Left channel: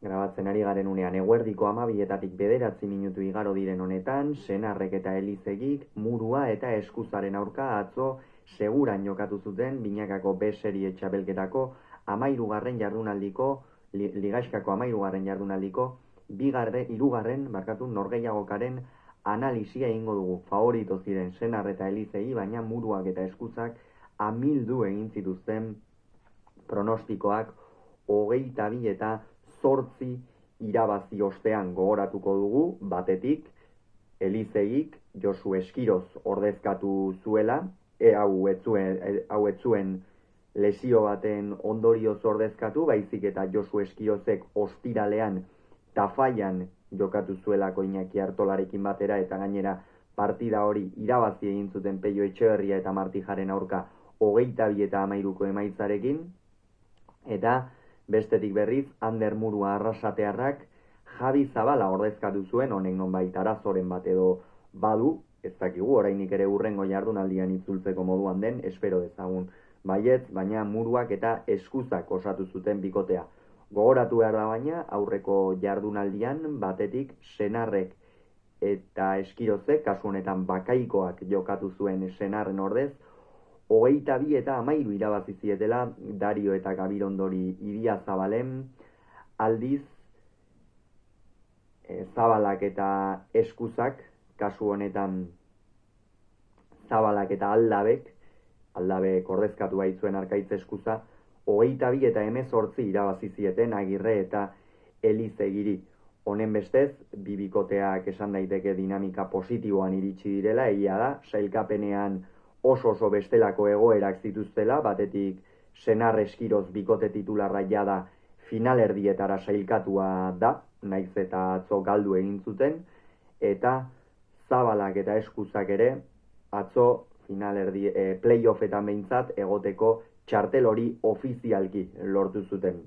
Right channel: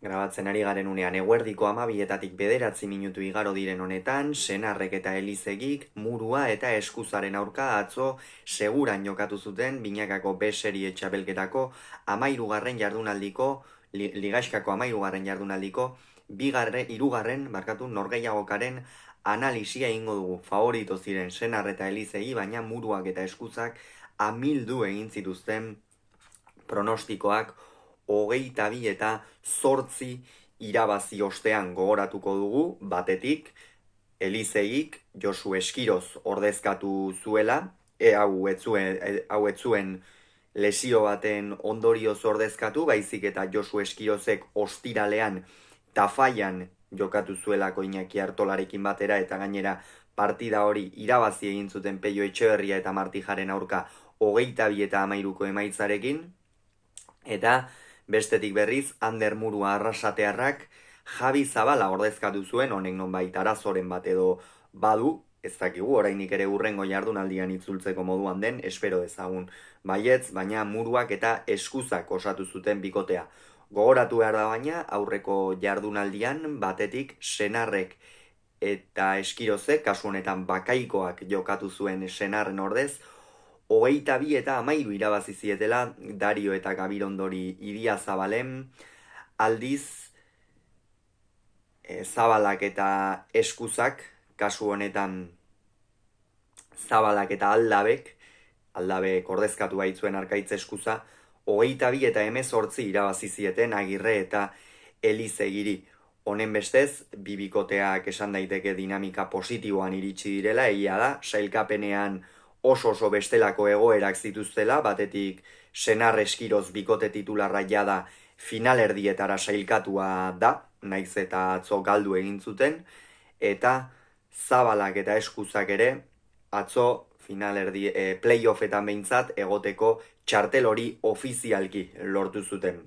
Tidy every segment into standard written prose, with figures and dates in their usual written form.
Grabatzen ari garen unean eguerdiko 12:09 igaro diren honetan, senarrek eta elizegik murua eta eskuzaren aurka atzo seguran jokatu zuten binakako B serie txapelketako 13. jardunaldiko, ligaxkako 13. jardunaldiko, hirugarren norgehiagokaren analisia egingo dugu. Favorito ziren senar eta elizegi, baina muruak eta eskuzak amildu egin zituzten pronostikoak 22 eta 8 irabazi ostean gogoratuko dugu, batetik, Elizeik Josu Eskiroz ordezkatu zuela, hau ez zuen lesio baten ondorioz ordezkatu, baizik eta Josu Eskirozek ostiralean Tafaian jokatu zuelako Iñaki Artolarekin batera, eta gainera partida hori irabazi egin zuten Peio Etxeberria eta Martijaren aurka 22 eta 13 emaitzarekin, eta bestetik berriz, Ander Murua arrasatearrak Javi Zabala ordezkatu zuen, honek nonbait arazoren bat edo badu, ez dakigu, orainik ere hurrengo jardunaldian itzultzeko moduan den, espero dezagun baietz, baina muruak eta eskuzak osatu zuten bikotea. Gogoratu behar da baina, aurreko jardunaldian batetik senarrek eta Eskirozek, kasu honetan bakaikoak jokatu zuen senarren ordez, 22 eta 13 irabazi zietela Dario eta Gabirondori Idia Zabalen, aldiz Zabalak eta Eskuzak, kasu honetan Zabalak eta Aldabek ordezkatu baitzuen Arkaitz Eskuza, 22 eta 18 irabazi zieten Agirre eta Elizegiri. Honen bestez, bibikoteak esan daiteke dinamika positiboan iritsi direla, egia da, sailkapenean oso bestelako egoerak zituztela, batetik Senar Eskiroz bikote titularra jada finalerdietara sailkatua da, naiz eta atzo galdu egin zuten, eta Zabalak eta Eskuzak ere atzo playoffetan behintzat egoteko txartel hori ofizialki lortu zuten.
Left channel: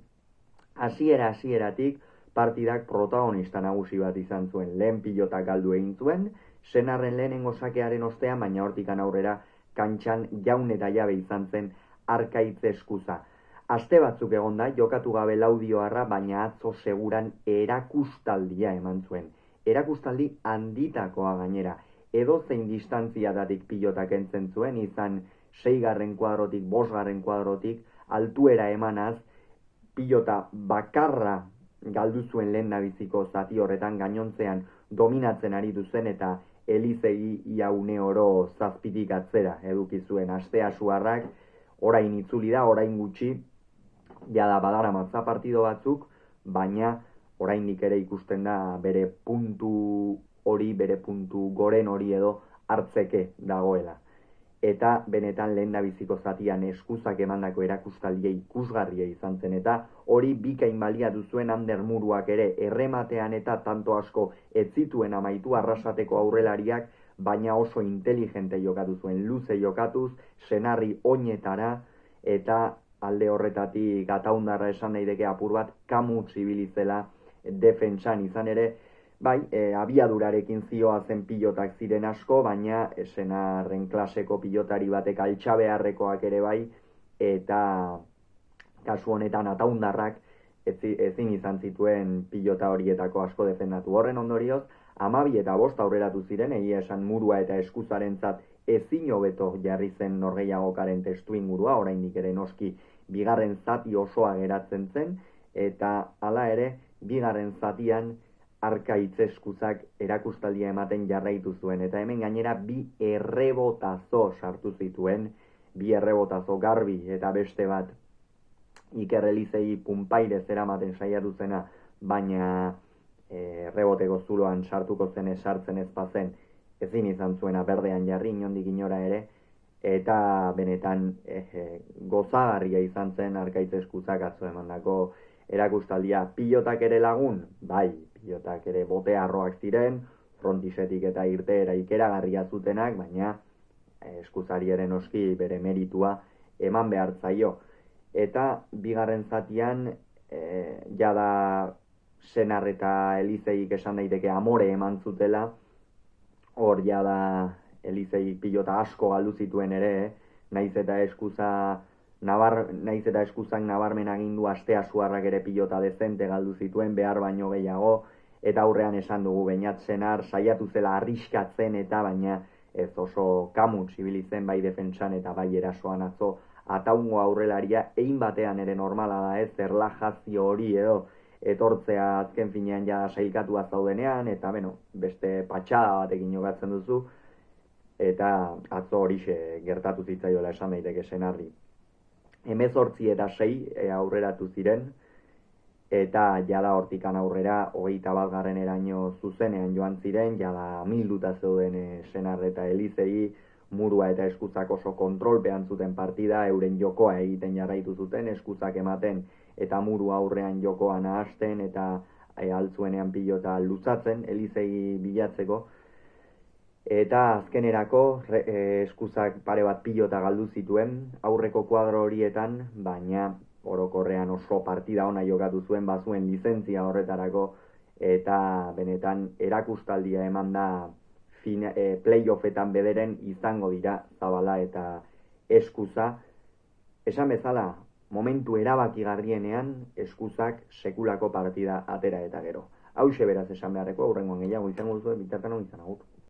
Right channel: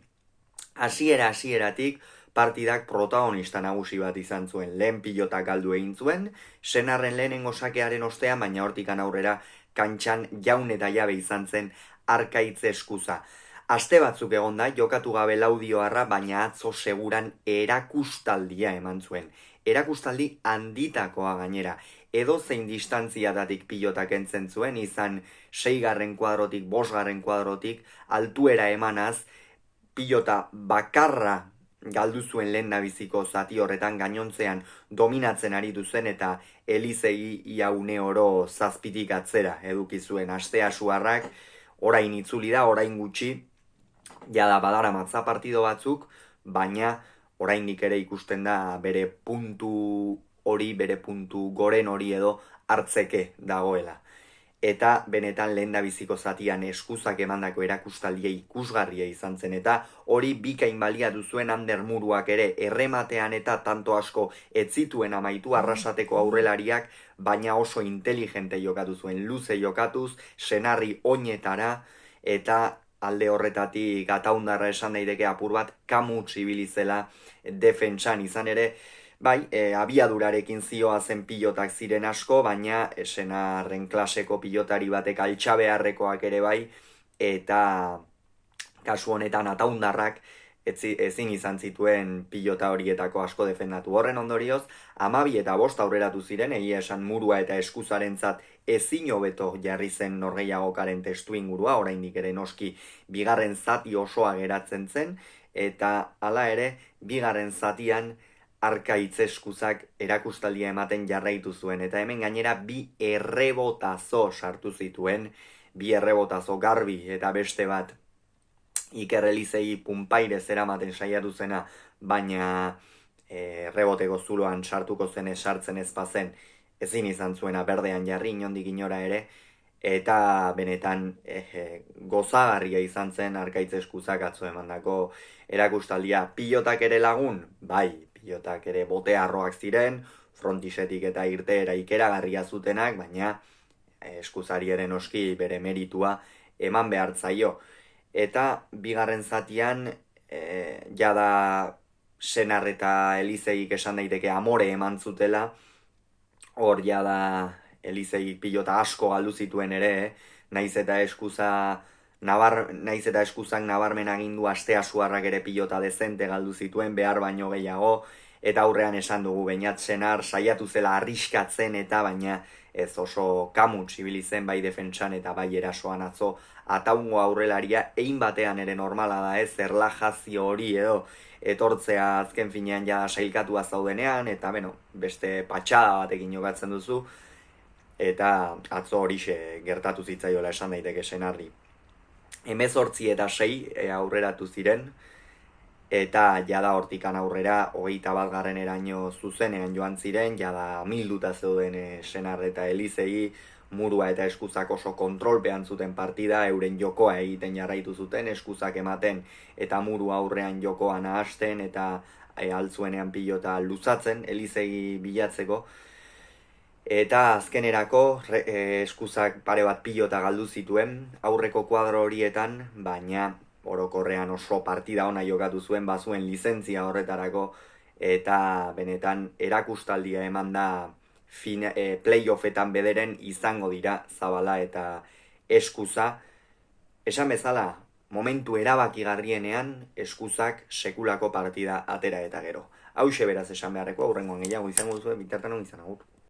Hasieratik partidak protagonista nagusi bat izan zuen, lehen pilota galdu egin zuen, senarren lehenengo sakearen ostean, baina hortikan aurrera kantxan jaun eta jabe izan zen Arkaitz Eskuza. Aste batzuk egon da, jokatu gabe Laudioarra, baina atzo seguran erakustaldia eman zuen. Erakustaldi handitakoa gainera, edo zein distantziatatik pilotak entzen zuen, izan 6. kuadrotik, 5. kuadrotik, altuera emanaz, pilota bakarra galdu zuen lehen nabiziko zati horretan, gainontzean dominatzen aritu zen, eta Elizegi ia une oro zazpitik atzera eduki zuen. Astea suarrak orain itzuli da, orain gutxi, jada badara matza partido batzuk, baina oraindik ere ikusten da bere puntu goren hori edo hartzeke dagoela. Eta benetan lehendabiziko zatian Eskuzak emandako erakustaldia ikusgarria izan zen, eta hori bikain baliatu zuen Ander Muruak ere errematean, eta tanto asko ez zituen amaitu arrasateko aurrelariak, baina oso inteligente jokatu zuen, luze jokatuz, senarri oinetara, eta alde horretatik Ataundarra esan daiteke apur bat kamutz ibili zela defentsan, izan ere, bai, abiadurarekin zioa zen pilotak ziren asko, baina senarren klaseko pilotari batek altxabeharrekoak ere bai, eta kasu honetan Ataundarrak ezin izan zituen pilota horietako asko defendatu. Horren ondorioz, 12 eta 5 aurreratu ziren, egia esan Murua eta Eskuzarentzat ezin hobeto jarri zen norgehiagokaren testu ingurua, oraindik ere noski bigarren zati osoa geratzen zen, eta hala ere, bigarren zatian Arkaitz Eskuzak erakustaldia ematen jarraitu zuen, eta hemen gainera 2 errebotazo sartu zituen, 2 errebotazo garbi eta beste bat Iker Elizegi punpaire zeramaten saiatu zena, baina reboteko zuloan sartuko zen sartzen ez bazen, ezin izan zuena berdean jarri inondik inora ere, eta benetan gozagarria izan zen Arkaitz Eskuzak atzo emandako erakustaldia. Pilotak ere lagun, bai, pilotak ere botearroak ziren, frontisetik eta irteera ikeragarria zutenak, baina Eskuzari ere noski bere meritua eman behar zaio. Eta bigarren zatian, jada Senar eta Elizegik esan daiteke amore eman zutela, hor jada Elizegik pilota asko galdu zituen ere, naiz eta Eskuza naiz eta Eskuzak nabarmen agindu Astea Suarrak ere pilota dezente galdu zituen, behar baino gehiago, eta aurrean esan dugu Beñat Senar saiatu zela arriskatzen eta baina ez oso kamuts ibili zen bai defentsan eta bai erasoan atzo ataungo aurrelaria egin batean ere normala da ez, erlajazio hori edo etortzea azken finean ja sailkatua zaudenean, eta beste patxada batekin jokatzen duzu, eta atzo horixe gertatu zitzaiola esan daiteke Senarri. 18-6 aurreratu ziren, eta jada hortikan aurrera 21 zuzenean joan ziren, jada milduta zeuden Senar eta Elizegi, Murua eta Eskuzak oso kontrolpean zuten partida, euren jokoa egiten jarraitu zuten, Eskuzak ematen eta Murua aurrean jokoa nahasten eta altzuenean pilota luzatzen, Elizegi bilatzeko. Eta azkenerako Eskuzak pare bat pilota galdu zituen aurreko kuadro horietan, baina orokorrean oso partida ona jokatu zuen, bazuen lizentzia horretarako, eta benetan erakustaldia eman da playoffetan bederen izango dira Zabala eta Eskuza. Esan bezala, momentu erabakigarrienean Eskuzak sekulako partida atera eta gero. Hauxe beraz esan beharreko, aurrengoan gehiago izango duzuen, bitartan hon izan agur.